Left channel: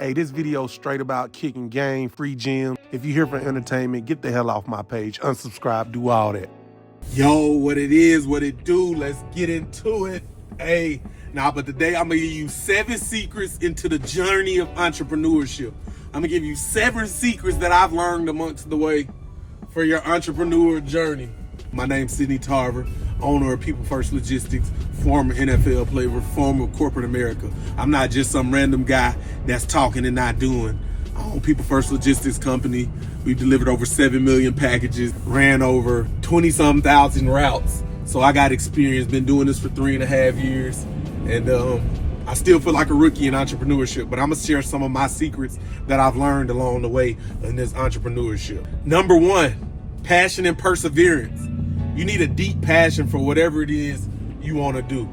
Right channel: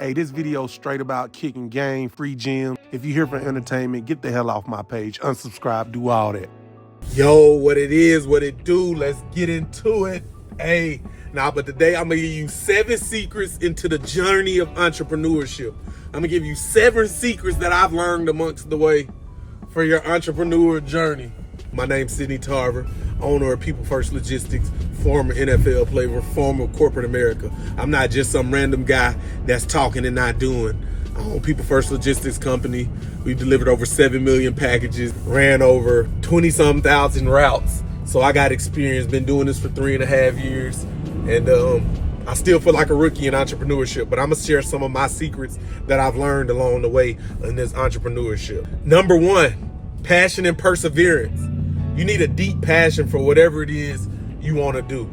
Hey, this video is straight about kicking game, free gym. If you're here for entertainment, get the hell off my page. Unsubscribe, do all that. Yo, what it is, what it do, let's get into it. Hey, but today I'm gonna give you 7 secrets into the journey of entrepreneurship. I'm gonna give you 7 secrets that I've learned amongst the way for your entrepreneur journey. My name's Sidney Tarver, owner of People First Logistics, former NFL player, former corporate America. I'm not just some random guy that's talking and not doing. I own People First Logistics Company. We've delivered over 7 million packages, ran over 20-some thousand routes. So I got experience, been doing this for 3.5 years. And I still feel like a rookie in entrepreneurship, but I'm gonna share some of my secrets that I've learned along the way in this entrepreneurship. Number 1, passion and perseverance. You need a deep passion for whatever it is you want to do.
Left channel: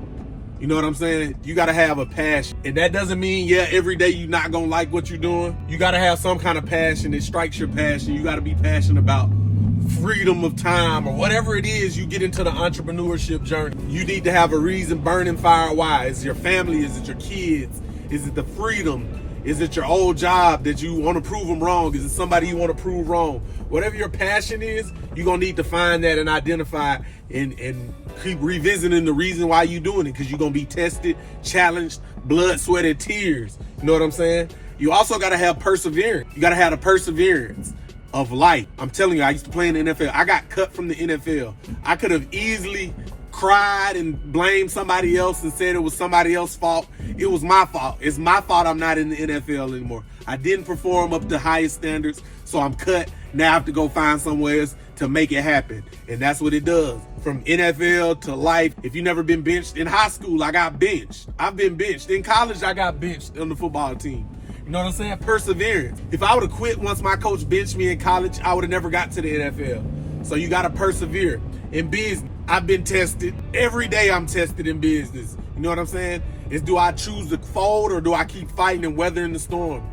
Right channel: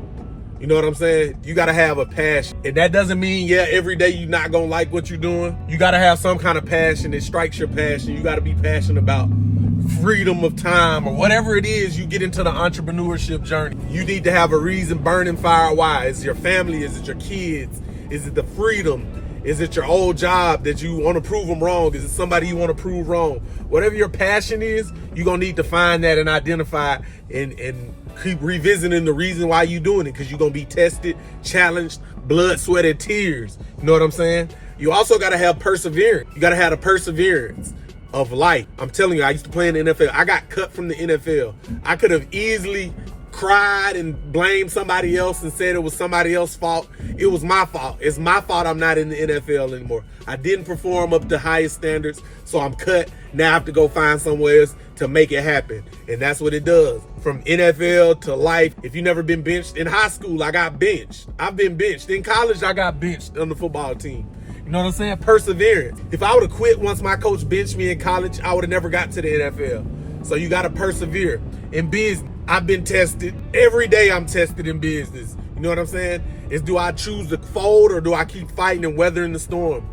You know what I'm saying? You got to have a passion. And that doesn't mean, every day you're not going to like what you're doing. You got to have some kind of passion that strikes your passion. You got to be passionate about freedom of time or whatever it is you get into the entrepreneurship journey. You need to have a reason, burning fire. Why? Is it your family? Is it your kids? Is it the freedom? Is it your old job that you want to prove them wrong? Is it somebody you want to prove wrong? Whatever your passion is, you're going to need to find that and identify and keep revisiting the reason why you're doing it, because you're going to be tested, challenged, blood, sweat, and tears. You know what I'm saying? You also got to have perseverance. You got to have the perseverance of life. I'm telling you, I used to play in the NFL. I got cut from the NFL. I could have easily cried and blamed somebody else and said it was somebody else's fault. It was my fault. It's my fault I'm not in the NFL anymore. I didn't perform up to highest standards, so I'm cut. Now I have to go find somewhere else to make it happen. And that's what it does. From NFL to life. If you've never been benched, in high school, I got benched. I've been benched. In college, I got benched on the football team. You know what I'm saying? Perseverance. If I would have quit once my coach benched me in college, I would have never got to the NFL. So you got to persevere. In business, I've been tested. Every day I'm tested in business. You know what I'm saying? Is do I choose to fold or do I keep fighting and weathering the storm?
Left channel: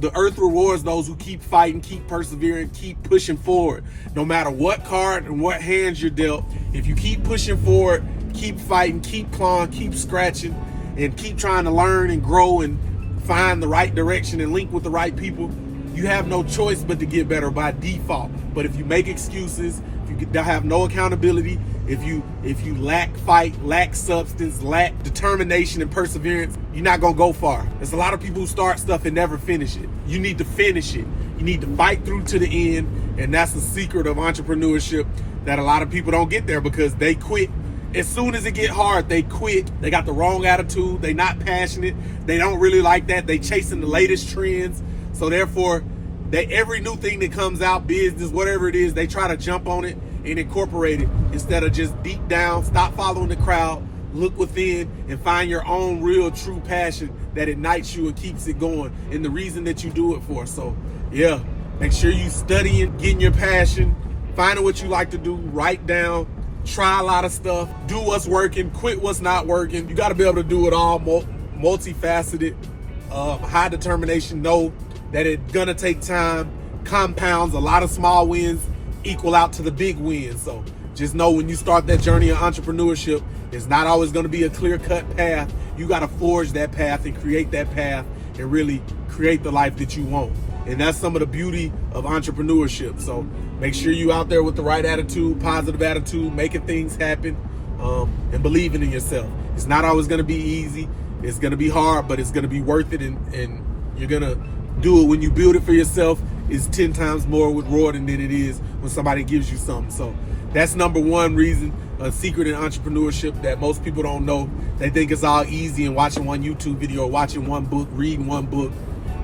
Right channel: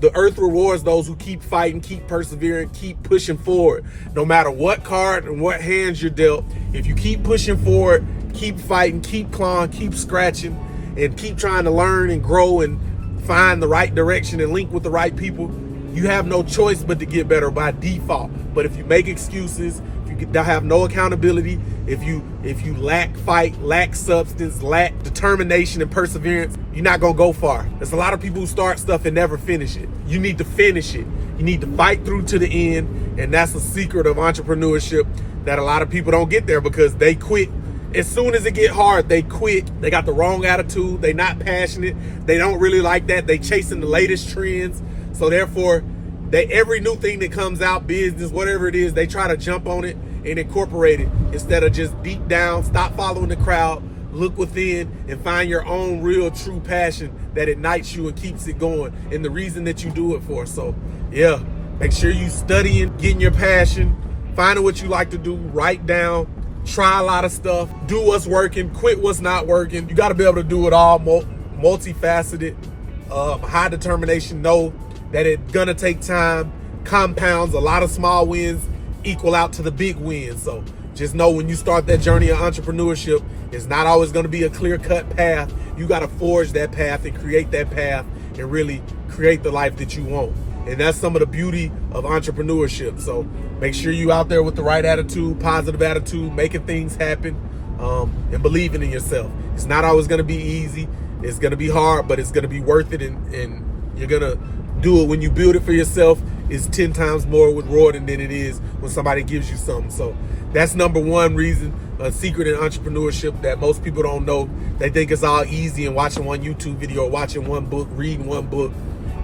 The earth rewards those who keep fighting, keep persevering, keep pushing forward. No matter what card and what hands you're dealt, if you keep pushing forward, keep fighting, keep clawing, keep scratching, and keep trying to learn and grow and find the right direction and link with the right people, you have no choice but to get better by default. But if you make excuses, if you have no accountability, if you lack fight, lack substance, lack determination and perseverance, you're not gonna go far. There's a lot of people who start stuff and never finish it. You need to finish it. You need to fight through to the end, and that's the secret of entrepreneurship that a lot of people don't get there because they quit. As soon as it get hard, they quit. They got the wrong attitude. They not passionate. They don't really like that. They chasing the latest trends. So therefore, every new thing that comes out, business, whatever it is, they try to jump on it and incorporate it instead of just deep down, stop following the crowd, look within and find your own real true passion that ignites you and keeps it going and the reason that you do it for. So make sure you studying, getting your passion, finding what you like to do, write down, try a lot of stuff, do what's working, quit what's not working. You got to be able to do it all, multifaceted, high determination, know that it's gonna take time, compounds, a lot of small wins equal out to the big wins. So just know when you start that journey of entrepreneurship, it's not always gonna be a clear-cut path. You gotta forge that path and create that path and really create the life that you want. And that's some of the beauty of entrepreneurship. So make sure you out there with the right attitude, positive attitude, making things happen, and believing in yourself. It's not always gonna be easy. It's gonna be hard, but it's gonna be worth it, and you're gonna do it when you build it for yourself. Is 10 times more rewarding than it is when somebody gives you something. So that's number 1 reason, a secret in entrepreneurship that most people don't know. They think it's all easy and watching one YouTube video or watching one book, reading one book.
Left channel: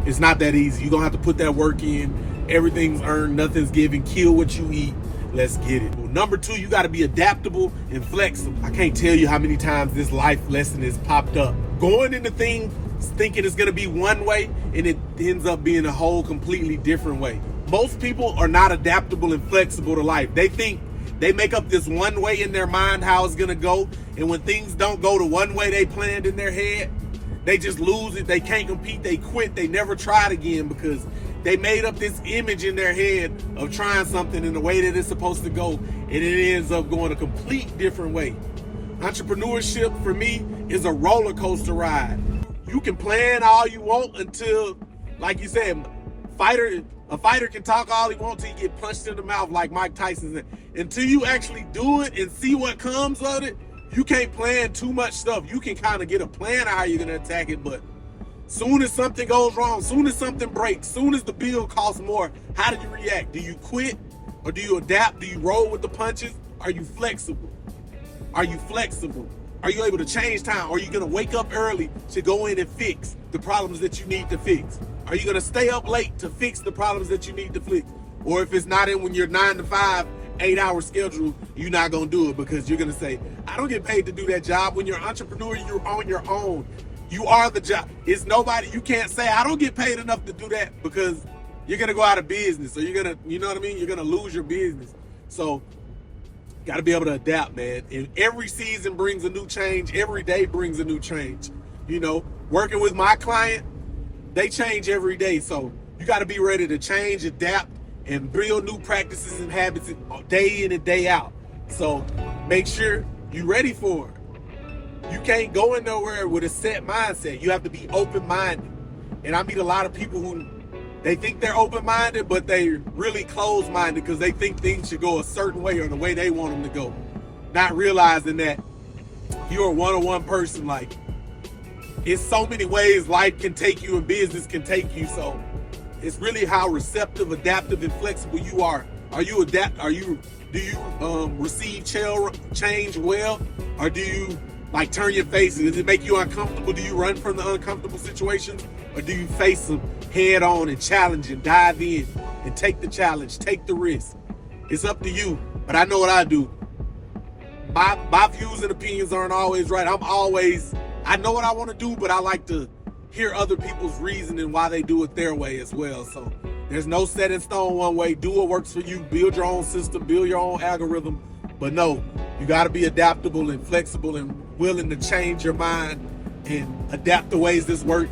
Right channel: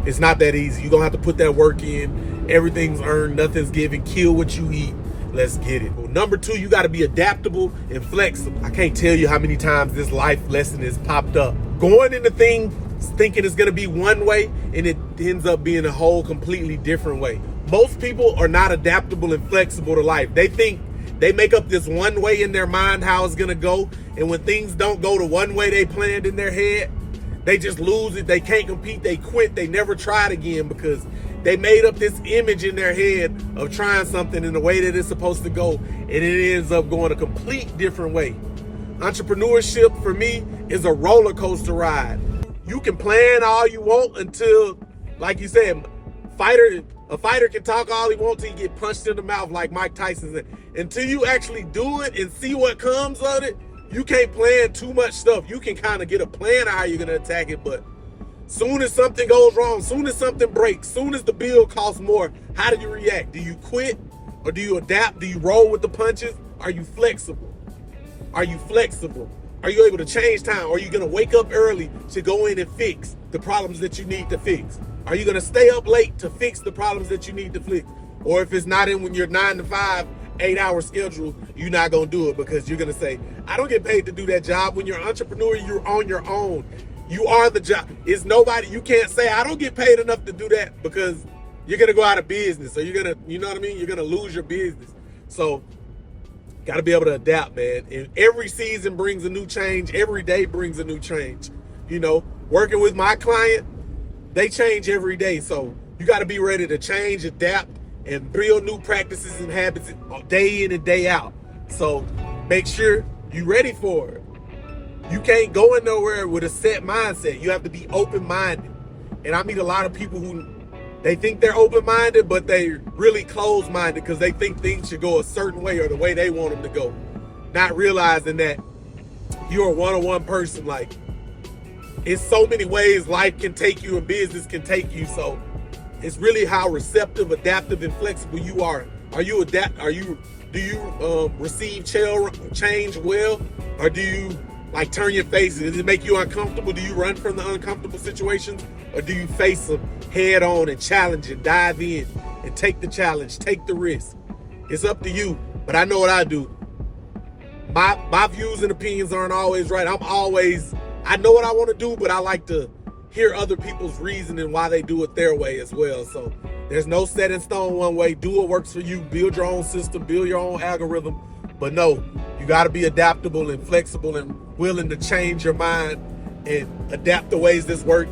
It's not that easy. You're gonna have to put that work in. Everything's earned, nothing's given. Kill what you eat. Let's get it. Well, number 2, you gotta be adaptable and flexible. I can't tell you how many times this life lesson has popped up. Going into things thinking it's gonna be one way and it ends up being a whole completely different way. Most people are not adaptable and flexible to life. They think they make up this one way in their mind how it's gonna go, and when things don't go the one way they planned in their head, they just lose it. They can't compete, they quit, they never try it again because they made up this image in their head of trying something in the way that it's supposed to go, and it ends up going a complete different way. Entrepreneurship for me is a roller coaster ride. You can plan all you want until like you said, a fighter can talk all he wants till he get punched in the mouth like Mike Tyson said. Until you actually do it and see what comes of it, you can't plan too much stuff. You can kind of get a plan of how you're gonna attack it, but soon as something goes wrong, soon as something breaks, soon as the bill costs more, how do you react? Do you quit or do you adapt? Do you roll with the punches? Are you flexible? Are you flexible? Are you able to change time? Are you gonna wake up early to go in and fix the problems that you need to fix? Are you gonna stay up late to fix the problems that you need to fix? Or if it's not in when you're 9 to 5, 8-hour schedule, you're not gonna do it because you're gonna say, I don't get paid to do that job. When you're an entrepreneur, you're on your own. You are the job. It's nobody, you can't say, I don't get paid enough to do that, because you're gonna go out of business. So you're gonna, you know what I mean? You're gonna lose your business. So gotta be able to adapt, man. And every season brings a new change. Every day brings a new change. You know, working with my client, they change every day. So you gotta be ready to change, adapt, and build new practices and habits day in and day out. So make sure you're ready for it. You can't go in nowhere with a set mindset. You have to be open-minded. And I meet a lot of people who, they think they're open-minded, but they really closed-minded because they think things should go a certain way or the way they want them to go. Not realizing that you're a one-on-one person. Like, it's so many ways life can take you and business can take you. So it's really how receptive, adaptive, and flexible you are. Do you receive change well, or do you like turn your face? Does it make you uncomfortable? Do you run from the uncomfortable situations, or do you face them head on and challenge and dive in and take the challenge, take the risk? It's up to you. But I know what I do. My views and opinions aren't always right. I know what I want to do, but I like to hear other people's reasoning why they do it their way as well. So there's no set in stone one way. Do what works for you. Build your own system. Build your own algorithm. But no, you got to be adaptable and flexible and willing to change your mind and adapt the ways that work,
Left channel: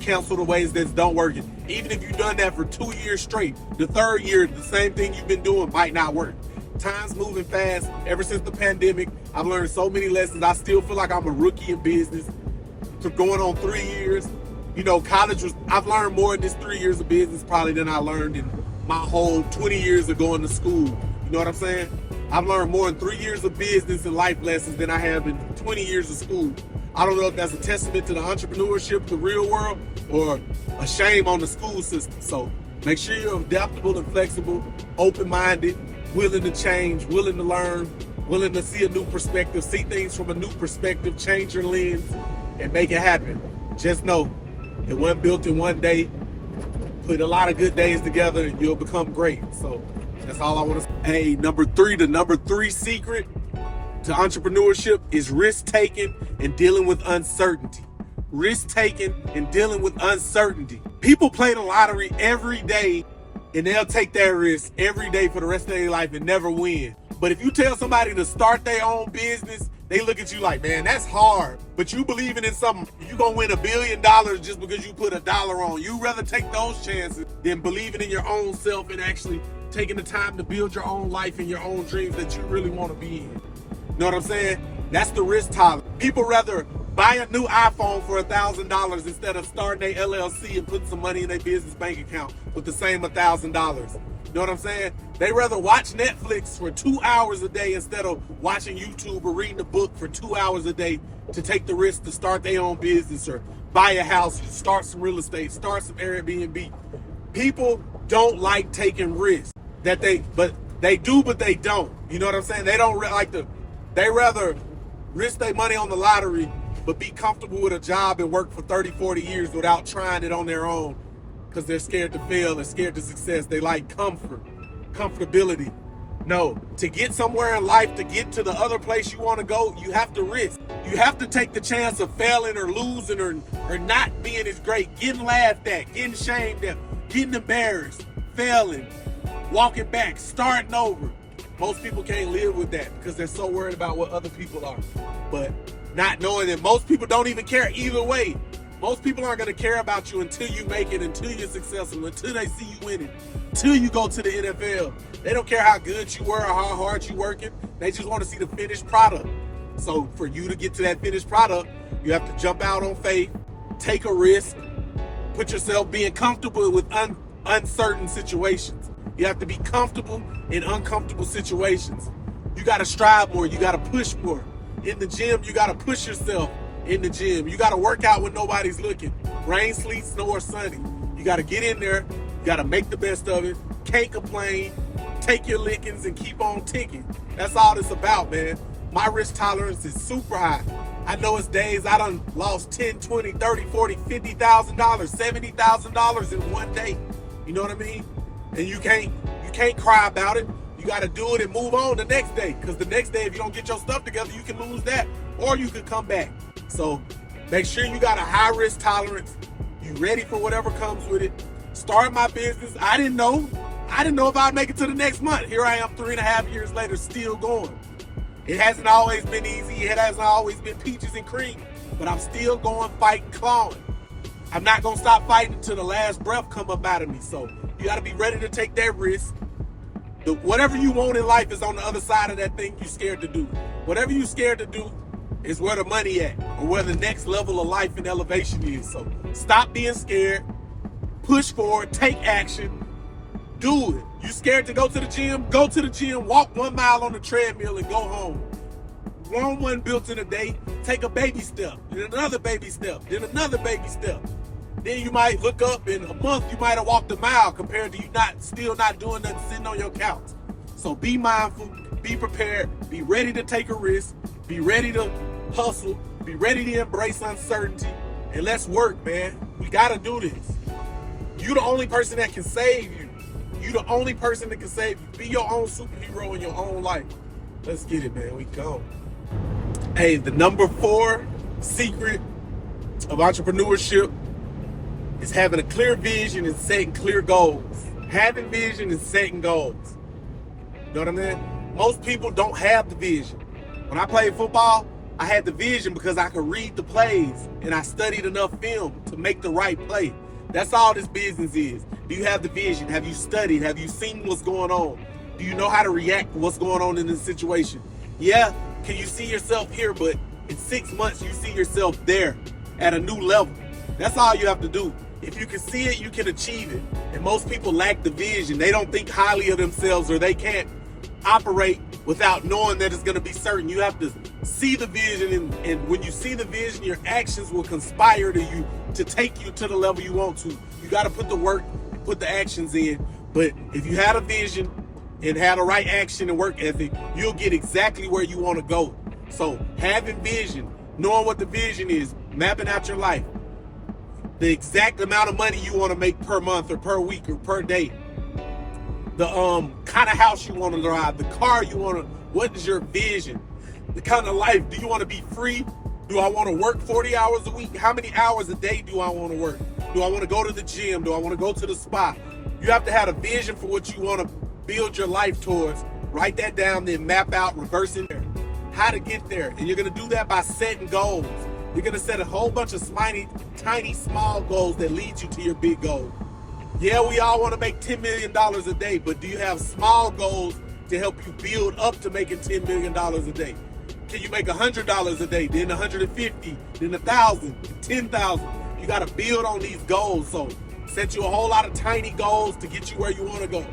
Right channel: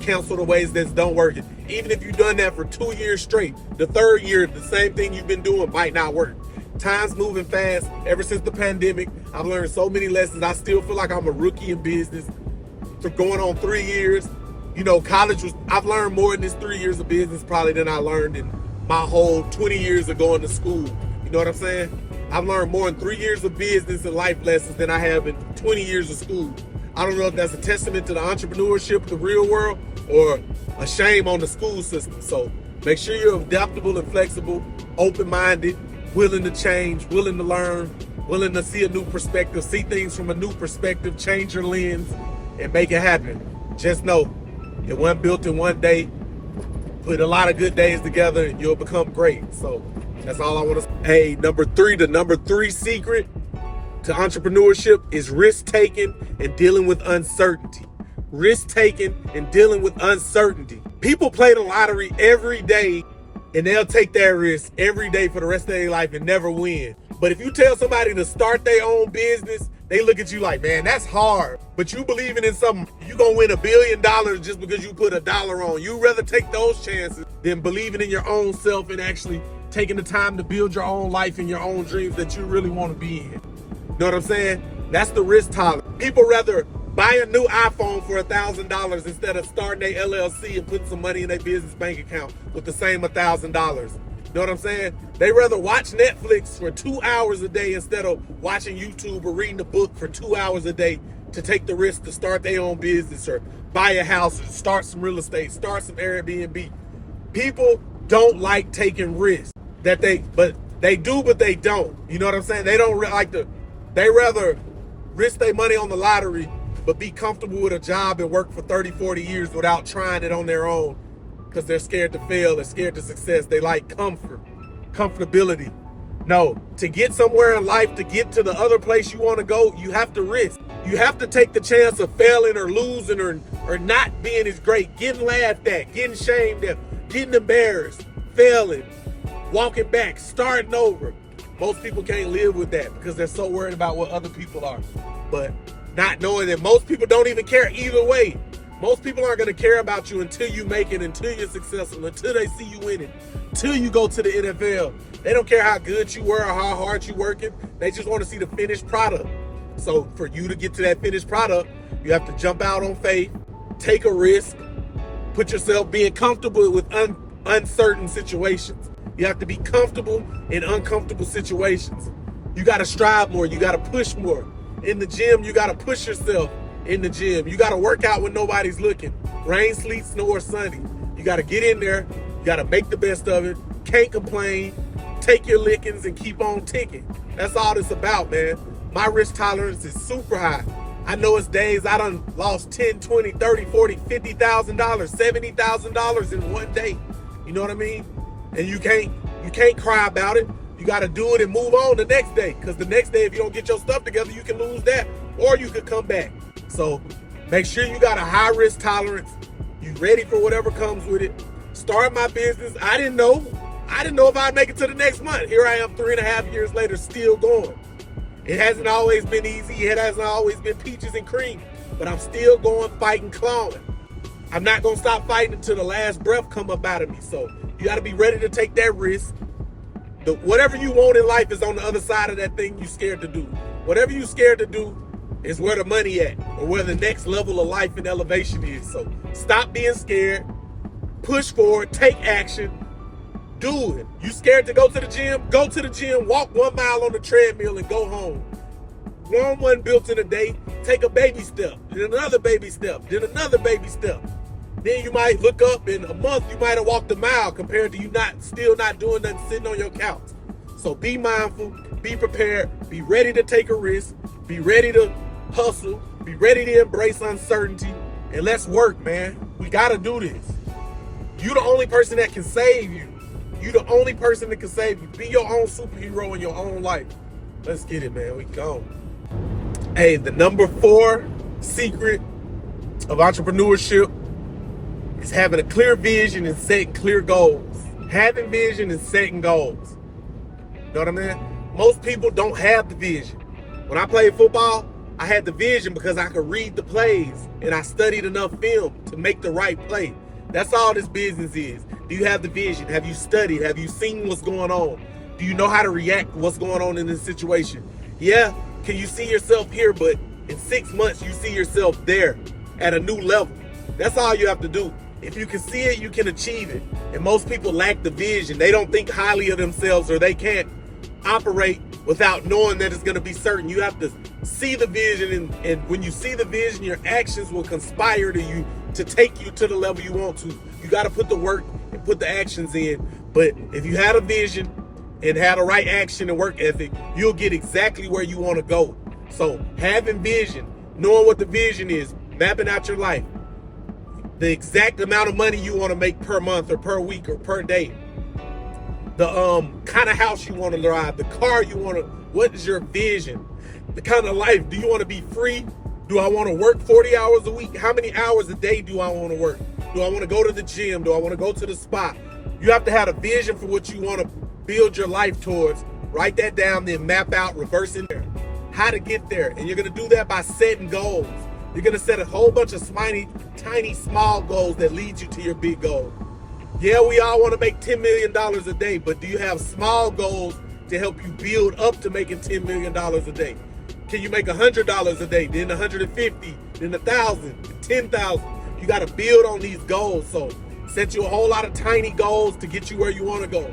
cancel the ways that don't work. Even if you've done that for 2 years straight, the third year, the same thing you've been doing might not work. Time's moving fast. Ever since the pandemic, I've learned so many lessons. I still feel like I'm a rookie in business for going on 3 years. You know, I've learned more in this 3 years of business probably than I learned in my whole 20 years of going to school. You know what I'm saying? I've learned more in 3 years of business and life lessons than I have in 20 years of school. I don't know if that's a testament to the entrepreneurship, the real world, or a shame on the school system. So make sure you're adaptable and flexible, open-minded, willing to change, willing to learn, willing to see a new perspective, see things from a new perspective, change your lens, and make it happen. Just know, it wasn't built in one day. Put a lot of good days together and you'll become great. So that's all I want to say. Hey, the number three secret to entrepreneurship is risk-taking and dealing with uncertainty. Risk-taking and dealing with uncertainty. People play the lottery every day and they'll take that risk every day for the rest of their life and never win. But if you tell somebody to start their own business, they look at you like, man, that's hard. But you believing in something, you gonna win $1 billion just because you put $1 on. You'd rather take those chances than believing in your own self and actually taking the time to build your own life and your own dreams that you really want to be in. You know what I'm saying? That's the risk tolerance. People rather buy a new iPhone for $1,000 instead of starting their LLC and putting some money in their business bank account with the same $1,000. You know what I'm saying? They rather watch Netflix for 2 hours a day instead of watching YouTube or reading a book for 2 hours a day to take the risk to start their own business or buy a house, start some real estate, start some Airbnb. People don't like taking risks. But they don't. You know what I'm saying? They don't they rather risk their money on the lottery but be comfortable with a job and work for 30, 40 years without trying it on their own because they're scared to fail, they're scared to success. They like comfortability. No, to get somewhere in life, to get to the other place you want to go, you have to risk. You have to take the chance of failing or losing or not being as great, getting laughed at, getting shamed at, getting embarrassed, failing, walking back, starting over. Most people can't live with that because they're so worried about what other people are. But not knowing that most people don't even care either way. Most people aren't going to care about you until you make it, until you're successful, until they see you win it, until you go to the NFL. They don't care how good you were or how hard you working. They just want to see the finished product. So for you to get to that finished product, you have to jump out on faith, take a risk, put yourself being comfortable with uncertain situations. You have to be comfortable in uncomfortable situations. You got to strive more. You got to push more. In the gym, you got to push yourself in the gym. You got to work out when nobody's looking. Rain, sleet, snow, or sunny. You got to get in there. You got to make the best of it. Can't complain. Take your lickings and keep on ticking. That's all it's about, man. My risk tolerance is super high. I know it's days I done lost $10, $20, $30, $40, $50,000, $70,000 in one day. You know what I mean? And you can't cry about it. You got to do it and move on the next day. Because the next day, if you don't get your stuff together, you can lose that or you could come back. So make sure you got a high risk tolerance. You ready for whatever comes with it. Start my business. I didn't know if I'd make it to the next month. Here I am 3.5 years later, still going. It hasn't always been easy. It hasn't always been peaches and cream. But I'm still going, fighting, clawing. I'm not going to stop fighting until the last breath come up out of me. So you got to be ready to take that risk. Whatever you want in life is on the other side of that thing you're scared to do. Whatever you're scared to do is where the money at or where the next level of life and elevation is. So stop being scared. Push forward. Take action. Do it. You scared to go to the gym? Go to the gym. Walk 1 mile on the treadmill and go home. One built in a day. Take a baby step. Then another baby step. Then another baby step. Then you might look up in a month, you might have walked a mile compared to you still not doing nothing, sitting on your couch. So be mindful, be prepared, be ready to take a risk, be ready to hustle, be ready to embrace uncertainty, and let's work, man. We got to do this. You the only person that can save you. You the only person that can save you. Be your own superhero in your own life. Let's get it, man. We go. Hey, the number 4 secret of entrepreneurship is having a clear vision and setting clear goals. Having vision and setting goals. You know what I mean? Most people don't have the vision. When I played football, I had the vision because I could read the plays and I studied enough film to make the right play. That's all this business is. Do you have the vision? Have you studied? Have you seen what's going on? Do you know how to react to what's going on in this situation? Yeah, can you see yourself here, but in 6 months you see yourself there at a new level. That's all you have to do. If you can see it, you can achieve it. And most people lack the vision. They don't think highly of themselves, or they can't operate without knowing that it's going to be certain. You have to see the vision, and when you see the vision, your actions will conspire to take you to the level you want to. You got to put the work and put the actions in. But if you had a vision and had a right action and work ethic, you'll get exactly where you want to go. So having vision, knowing what the vision is, mapping out your life, the exact amount of money you want to make per month or per week or per day, the kind of house you want to drive, the car you want to, what is your vision? The kind of life, do you want to be free? Do I want to work 40 hours a week? How many hours a day do I want to work? Do I want to go to the gym? Do I want to go to the spa? You have to have a vision for what you want to build your life towards. Write that down, then map out, reverse engineer how to get there. And you're going to do that by setting goals. You're going to set a whole bunch of tiny, small goals that lead you to your big goal. Yeah, we all want to make $10 million a day, but do you have small goals to help you build up to making $10 million a day? Can you make $100 a day, then $150, then $1,000, $10,000? You got to build on these goals. So set you a whole lot of tiny goals to get you where you want to go.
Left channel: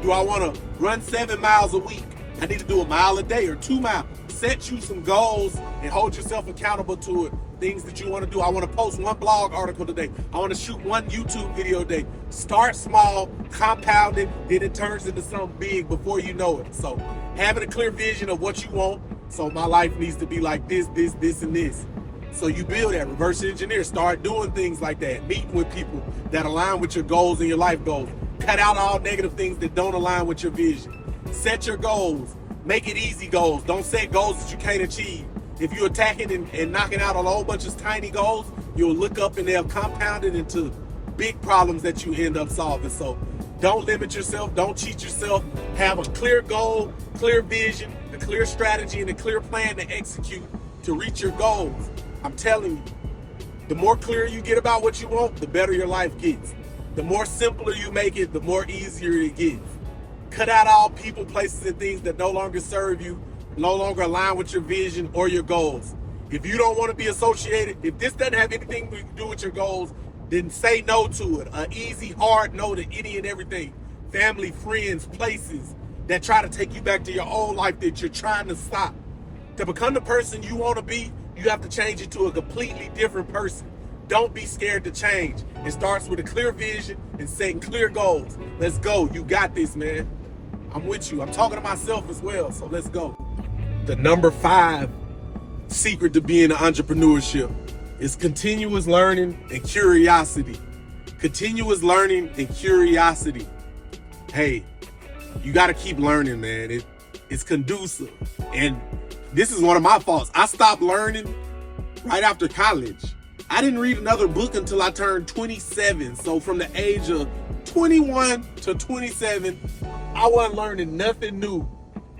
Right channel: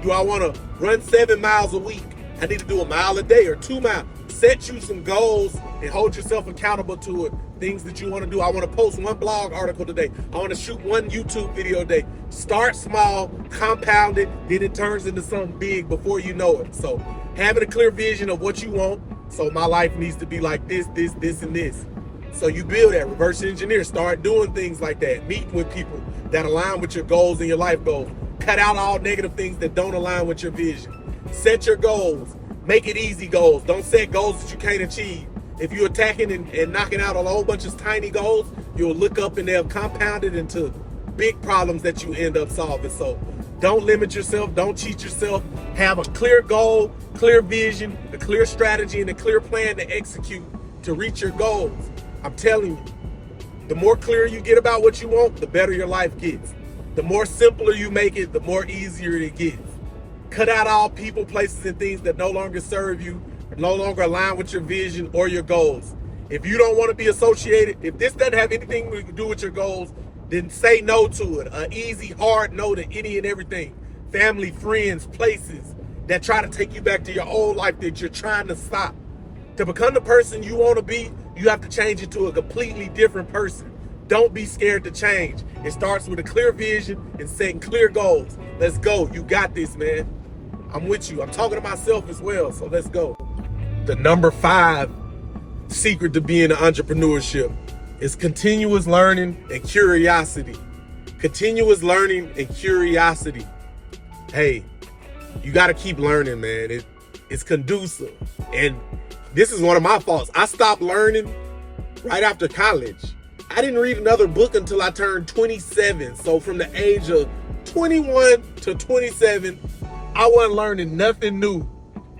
Do I want to run 7 miles a week? I need to do a mile a day or 2 miles. Set you some goals and hold yourself accountable to it. Things that you want to do. I want to post 1 blog article today. I want to shoot 1 YouTube video a day. Start small, compound it, then it turns into something big before you know it. So having a clear vision of what you want. So my life needs to be like this, and this. So you build that, reverse engineer, start doing things like that, meeting with people that align with your goals and your life goals. Cut out all negative things that don't align with your vision. Set your goals. Make it easy goals. Don't set goals that you can't achieve. If you're attacking and knocking out a whole bunch of tiny goals, you'll look up and they'll compound it into big problems that you end up solving. So don't limit yourself. Don't cheat yourself. Have a clear goal, clear vision, a clear strategy, and a clear plan to execute to reach your goals. I'm telling you, the more clear you get about what you want, the better your life gets. The more simpler you make it, the more easier it gets. Cut out all people, places, and things that no longer serve you, no longer align with your vision or your goals. If you don't want to be associated, if this doesn't have anything to do with your goals, Then say no to it. An easy, hard no to any and everything. Family, friends, places that try to take you back to your old life that you're trying to stop. To become the person you want to be, you have to change it to a completely different person. Don't be scared to change. It starts with a clear vision and setting clear goals. Let's go. You got this, man. I'm with you. I'm talking to myself as well, so let's go. The number 5 secret to being an entrepreneurship is continuous learning and curiosity. Continuous learning and curiosity. Hey, you got to keep learning, man. It's conducive. And this is one of my faults. I stopped learning right after college. I didn't read another book until I turned 27. So from the age of 21 to 27, I wasn't learning nothing new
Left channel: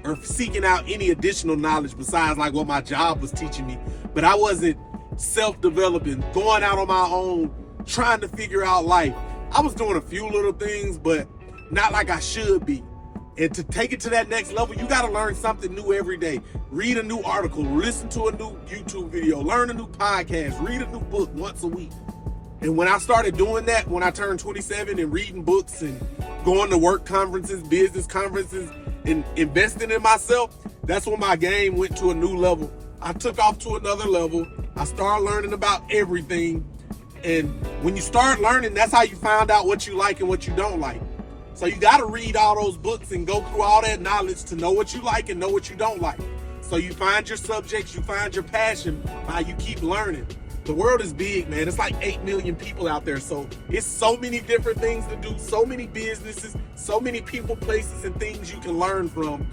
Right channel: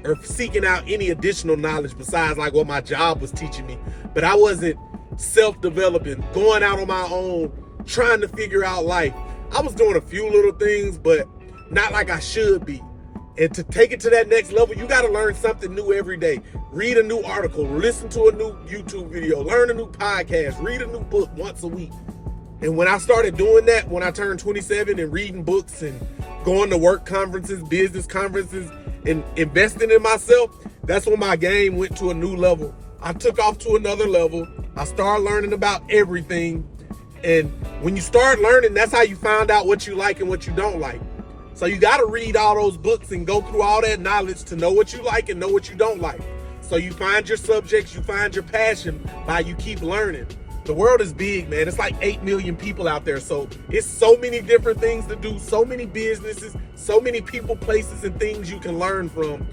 or seeking out any additional knowledge besides like what my job was teaching me. But I wasn't self-developing, going out on my own, trying to figure out life. I was doing a few little things, but not like I should be. And to take it to that next level, you got to learn something new every day. Read a new article, listen to a new YouTube video, learn a new podcast, read a new book once a week. And when I started doing that, when I turned 27 and reading books and going to work conferences, business conferences, and investing in myself, that's when my game went to a new level. I took off to another level. I started learning about everything. And when you start learning, that's how you find out what you like and what you don't like. So you got to read all those books and go through all that knowledge to know what you like and know what you don't like. So you find your subjects, you find your passion by you keep learning. The world is big, man. It's like 8 million people out there. So it's so many different things to do, so many businesses, so many people, places, and things you can learn from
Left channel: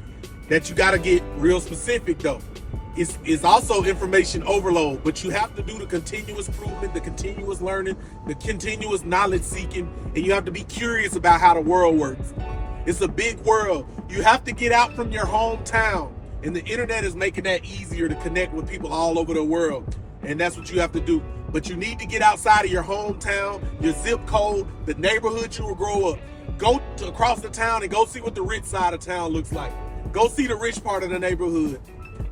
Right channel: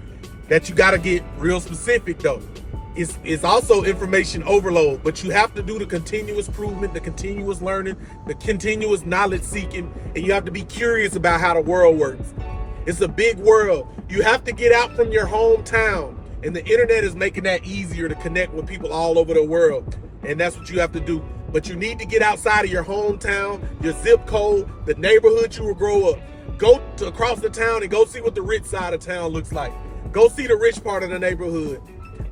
that you got to get real specific, though. It's also information overload, but you have to do the continuous improvement, the continuous learning, the continuous knowledge seeking, and you have to be curious about how the world works. It's a big world. You have to get out from your hometown, and the internet is making that easier to connect with people all over the world, and that's what you have to do. But you need to get outside of your hometown, your zip code, the neighborhood you will grow up. Go across the town and go see what the rich side of town looks like. Go see the rich part of the neighborhood.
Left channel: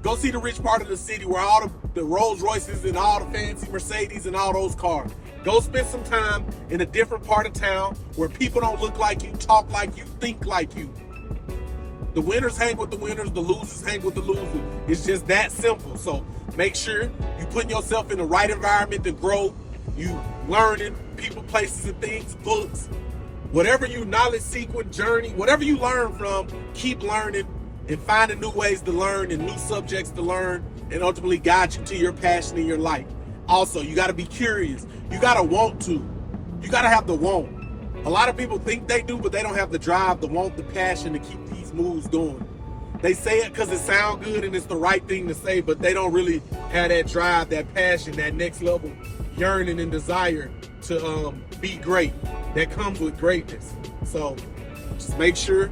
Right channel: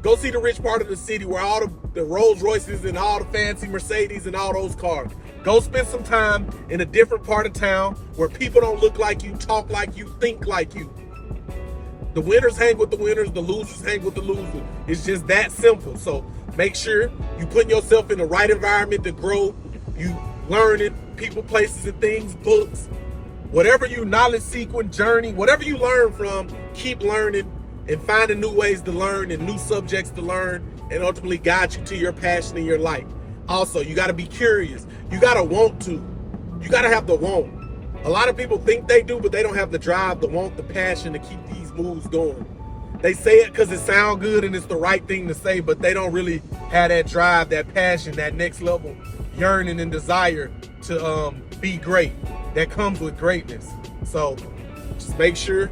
Go see the rich part of the city where all the Rolls Royces and all the fancy Mercedes and all those cars. Go spend some time in a different part of town where people don't look like you, talk like you, think like you. The winners hang with the winners, the losers hang with the losers. It's just that simple. So make sure you put yourself in the right environment to grow. You learning people, places, and things, books, whatever you knowledge sequence, journey, whatever you learn from, keep learning and finding new ways to learn and new subjects to learn and ultimately guide you to your passion in your life. Also, you got to be curious. You got to want to. You got to have the want. A lot of people think they do, but they don't have the drive, the want, the passion to keep these moves going. They say it because it sounds good and it's the right thing to say, but they don't really have that drive, that passion, that next level yearning and desire to be great. That comes with greatness. So just make sure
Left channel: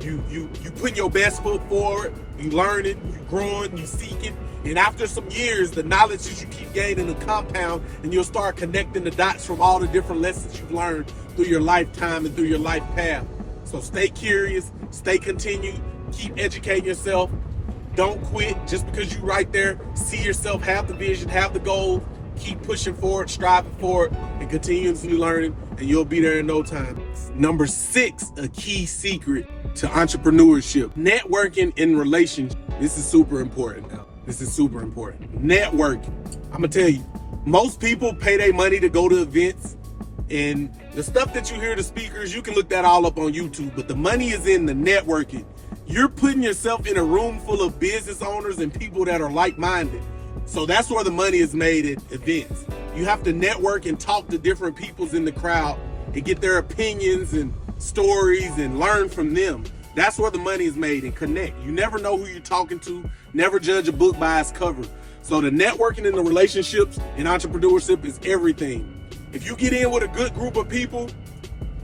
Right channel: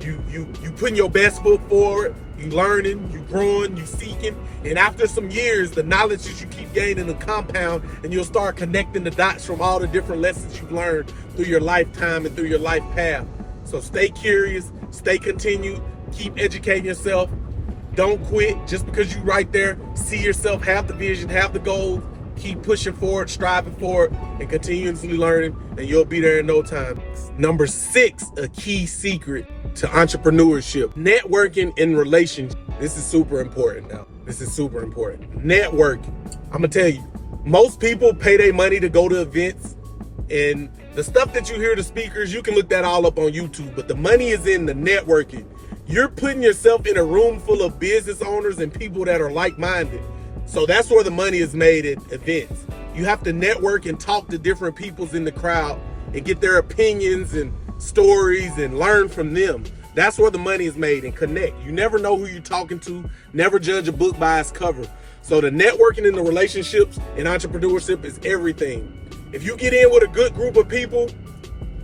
you putting your best foot forward, you learning, you growing, you seeking, and after some years, the knowledge that you keep gaining will compound, and you'll start connecting the dots from all the different lessons you've learned through your lifetime and through your life path. So stay curious, stay continued, keep educating yourself. Don't quit just because you're right there. See yourself, have the vision, have the goals, keep pushing forward, striving forward, and continuously learning, and you'll be there in no time. Number 6, a key secret to entrepreneurship: networking and relationships. This is super important now. This is super important. Networking. I'm gonna tell you, most people pay their money to go to events, and the stuff that you hear the speakers, you can look that all up on YouTube, but the money is in the networking. You're putting yourself in a room full of business owners and people that are like-minded. So that's where the money is made at events. You have to network and talk to different peoples in the crowd and get their opinions and stories and learn from them. That's where the money is made, and connect. You never know who you're talking to. Never judge a book by its cover. So the networking and the relationships in entrepreneurship is everything. If you get in with a good group of people,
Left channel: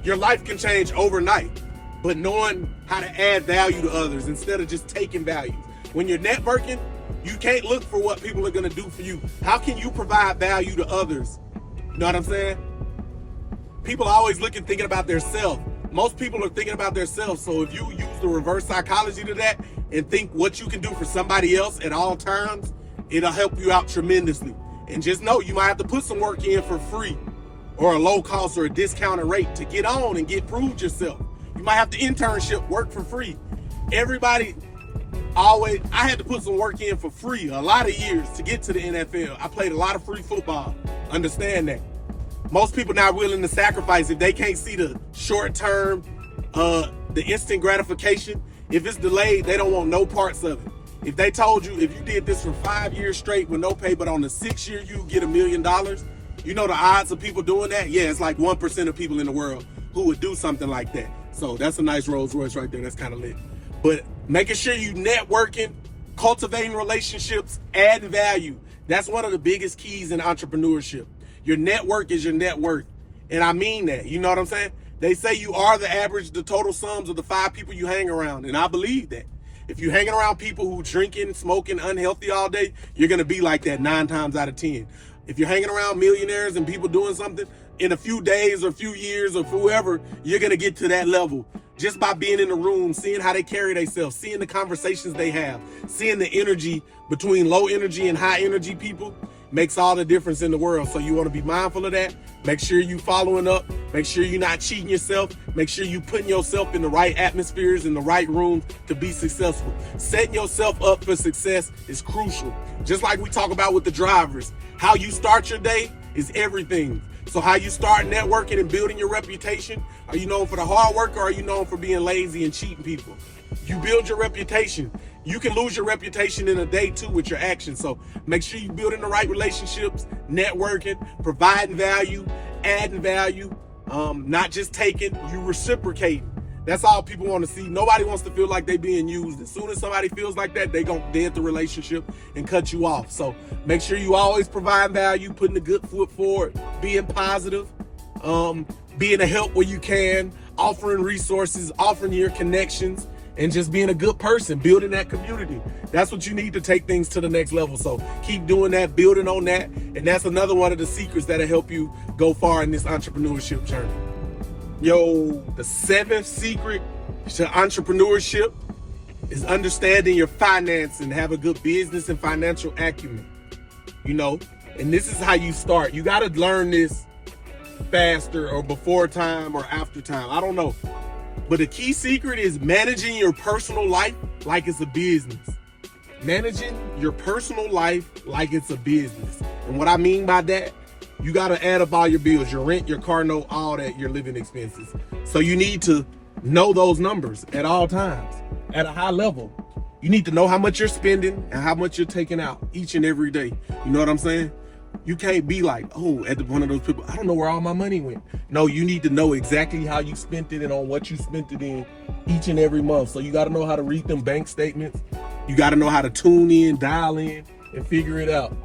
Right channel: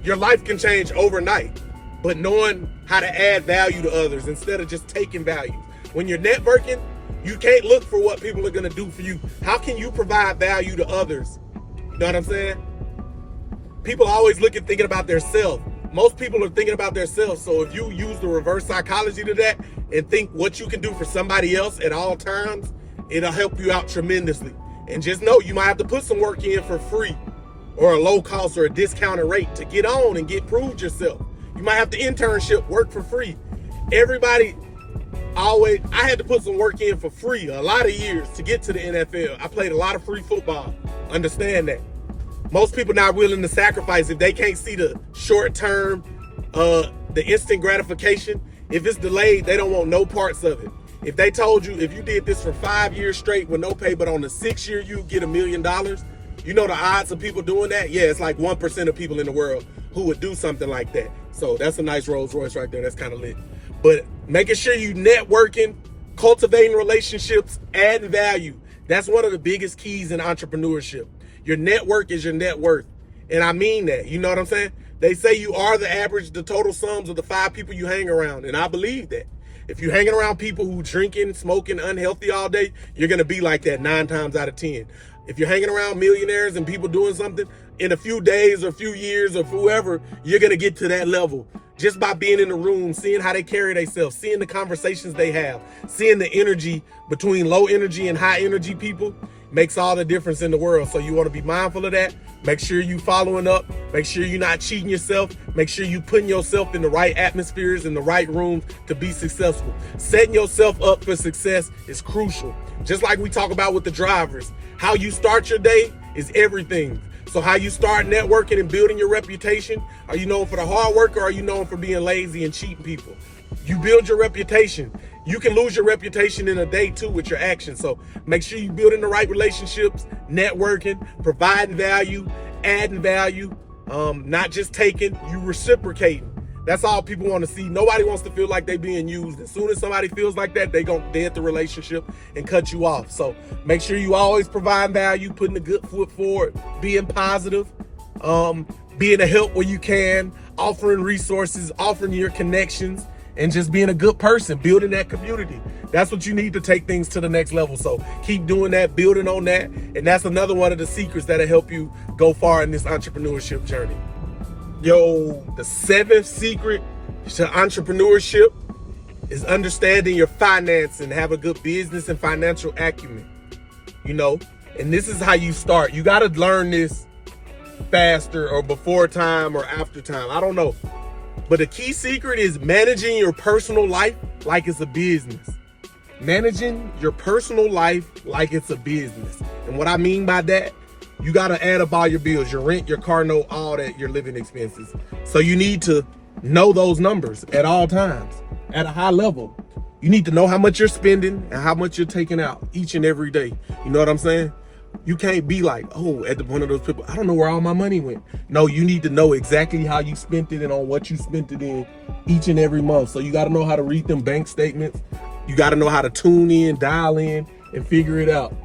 your life can change overnight. But knowing how to add value to others instead of just taking value. When you're networking, you can't look for what people are going to do for you. How can you provide value to others? You know what I'm saying? People are always thinking about themselves. Most people are thinking about themselves. So if you use the reverse psychology to that and think what you can do for somebody else at all times, it'll help you out tremendously. And just know you might have to put some work in for free. or a low cost or a discounted rate to get on and get proved yourself. You might have to internship, work for free. Everybody always, I had to put some work in for free a lot of years to get to the NFL. I played a lot of free football. Understand that. Most people not willing to sacrifice if they can't see the short term, the instant gratification. If it's delayed, they don't want no parts of it. If they told you, if you did this for 5 years straight with no pay, but on the 6th year you get $1 million, you know the odds of people doing that? Yeah, it's like 1% of people in the world who would do something like that. So that's a nice Rolls Royce right there. That's kind of lit. But making sure you networking, cultivating relationships, adding value. That's one of the biggest keys in entrepreneurship. Your network is your net worth. And I mean that. You know what I'm saying? They say you are the average, the total sums of the 5 people you hang around. And I believe that. If you're hanging around people who drinking, smoking, unhealthy all day, you're going to be like that 9 times out of 10. If you're hanging around millionaires and people doing something, in a few days or a few years or whoever, you're going to get to that level. Just by being in the room, seeing how they carry themselves, seeing the conversations they have, seeing the energy between low energy and high energy people makes all the difference in the world. So you want to be mindful of that. Make sure you following up. Make sure you're not cheating yourself. Make sure you putting yourself in the right atmospheres, in the right rooms to be successful. Setting yourself up for success is crucial. Just like we talk about with the drivers, how you start your day is everything. So how you start networking and building your reputation, are you known for the hard work or are you known for being lazy and cheating people? You build your reputation. You can lose your reputation in a day too with your actions. So make sure you building the right relationships, networking, providing value, adding value, not just taking, you reciprocating. That's all people want to see. Nobody wants to feel like they being used. As soon as somebody feels like that, they gonna dent the relationship and cut you off. So make sure you always provide value, putting a good foot forward, being positive, being a help where you can, offering resources, offering your connections, and just being a good person, building that community. That's what you need to take things to the next level. So keep doing that, building on that. And that's another one of the secrets that'll help you go far in this entrepreneurship journey. Yo, the 7th secret to entrepreneurship is understanding your finance and have a good business and financial acumen. You know, and this is how you start. You got to learn this faster or before time or after time. I don't know. But the key secret is managing your personal life like it's a business. Managing your personal life like it's a business. And what I mean by that, you got to add up all your bills, your rent, your car note, all that, your living expenses. So you need to know those numbers at all times, at a high level. You need to know how much you're spending and how much you're taking out each and every day. You know what I'm saying? You can't be like, oh, at one of those people, I don't know where all my money went. No, you need to know exactly how you spent it and on what you spent it in each and every month. So you got to know how to read them bank statements. You got to know how to tune in, dial in, and figure it out.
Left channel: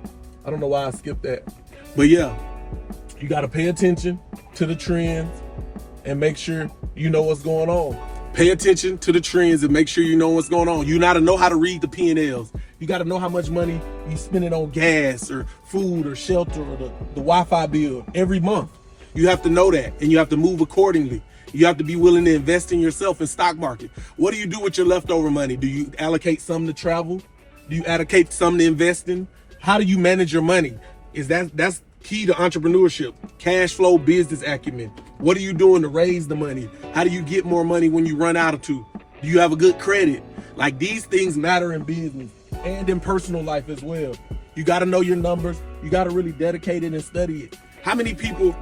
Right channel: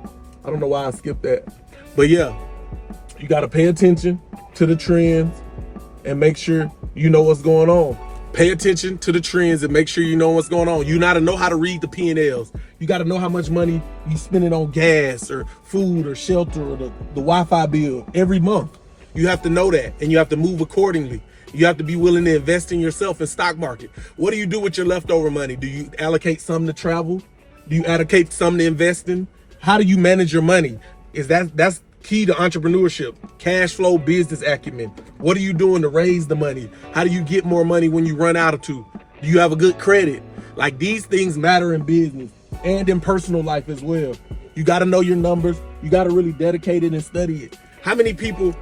I don't know why I skipped that. But yeah, you got to pay attention to the trends and make sure you know what's going on. Pay attention to the trends and make sure you know what's going on. You got to know how to read the P&Ls. You got to know how much money you spending on gas or food or shelter or the Wi-Fi bill every month. You have to know that and you have to move accordingly. You have to be willing to invest in yourself in stock market. What do you do with your leftover money? Do you allocate some to travel? Do you allocate some to investing? How do you manage your money? That's key to entrepreneurship. Cash flow, business acumen. What are you doing to raise the money? How do you get more money when you run out of two? Do you have a good credit? Like, these things matter in business and in personal life as well. You got to know your numbers. You got to really dedicate it and study it. How many people,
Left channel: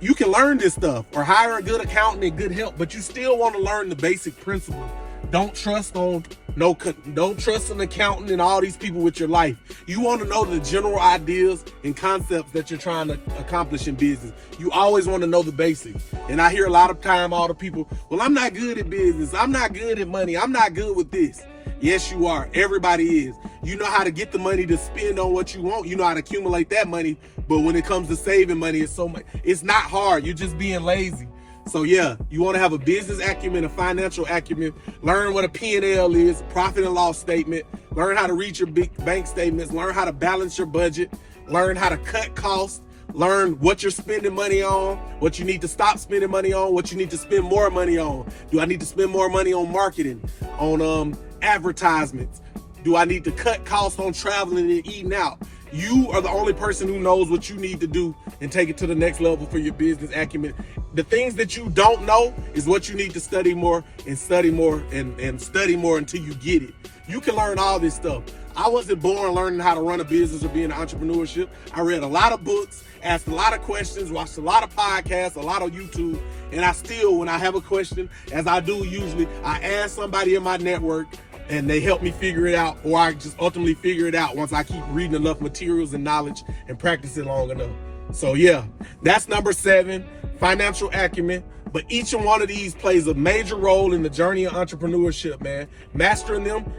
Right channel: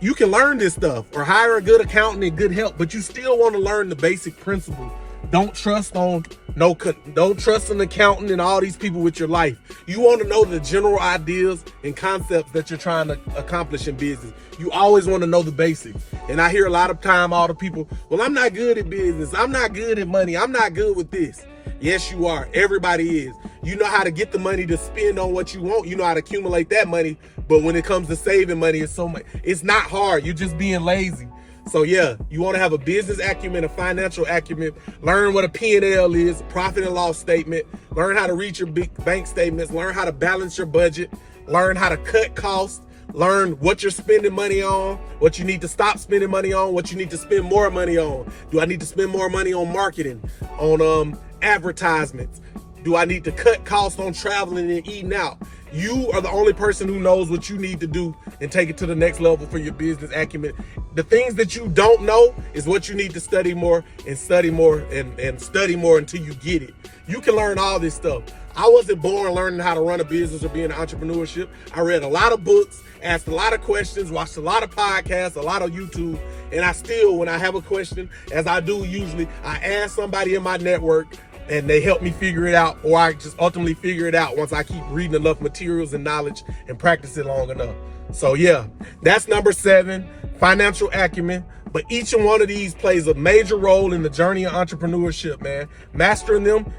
you can learn this stuff or hire a good accountant and good help, but you still want to learn the basic principles. Don't trust an accountant and all these people with your life. You want to know the general ideas and concepts that you're trying to accomplish in business. You always want to know the basics. And I hear a lot of time all the people, well, I'm not good at business. I'm not good at money. I'm not good with this. Yes, you are. Everybody is. You know how to get the money to spend on what you want. You know how to accumulate that money. But when it comes to saving money, it's not hard. You're just being lazy. So yeah, you want to have a business acumen, a financial acumen, learn what a P&L is, profit and loss statement, learn how to read your big bank statements, learn how to balance your budget, learn how to cut costs, learn what you're spending money on, what you need to stop spending money on, what you need to spend more money on. Do I need to spend more money on marketing, on advertisements? Do I need to cut costs on traveling and eating out? You are the only person who knows what you need to do and take it to the next level for your business acumen. The things that you don't know is what you need to study more and study more and study more until you get it. You can learn all this stuff. I wasn't born learning how to run a business or be in entrepreneurship. I read a lot of books, asked a lot of questions, watched a lot of podcasts, a lot of YouTube, and I still, when I have a question, as I do usually, I ask somebody in my network and they help me figure it out, or I just ultimately figure it out once I keep reading enough materials and knowledge and practice it long enough. So yeah, that's number 7, financial acumen. But each and one of these plays a major role in the journey of entrepreneurship, man. Mastering them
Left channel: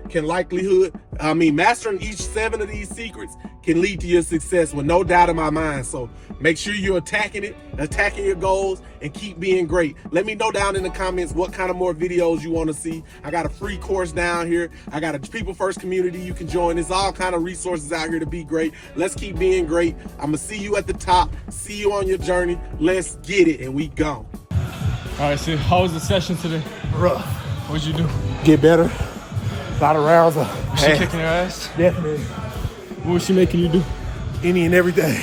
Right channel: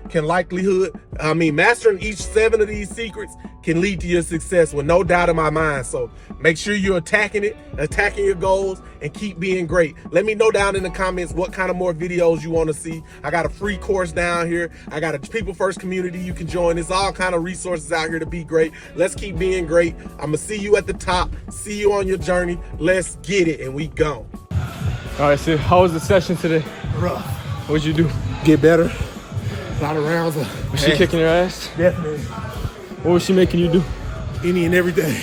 mastering each 7 of these secrets can lead to your success with no doubt in my mind. So make sure you're attacking your goals, and keep being great. Let me know down in the comments what kind of more videos you want to see. I got a free course down here. I got a People First community you can join. There's all kind of resources out here to be great. Let's keep being great. I'm going to see you at the top. See you on your journey. Let's get it, and we gone. All right, so how was the session today? Rough. What'd you do? Get better. A lot of rounds. Was she kicking your ass? Definitely. What was she making you do? Any and everything.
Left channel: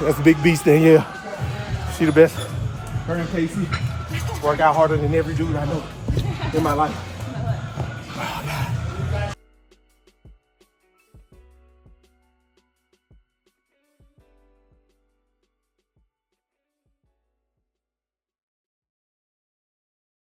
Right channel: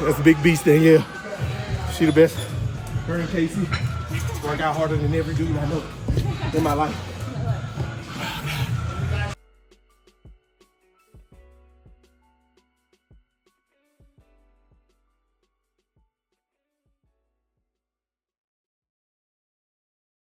That's a big beast thing, yeah. She the best. Her and Casey work out harder than every dude I know in my life.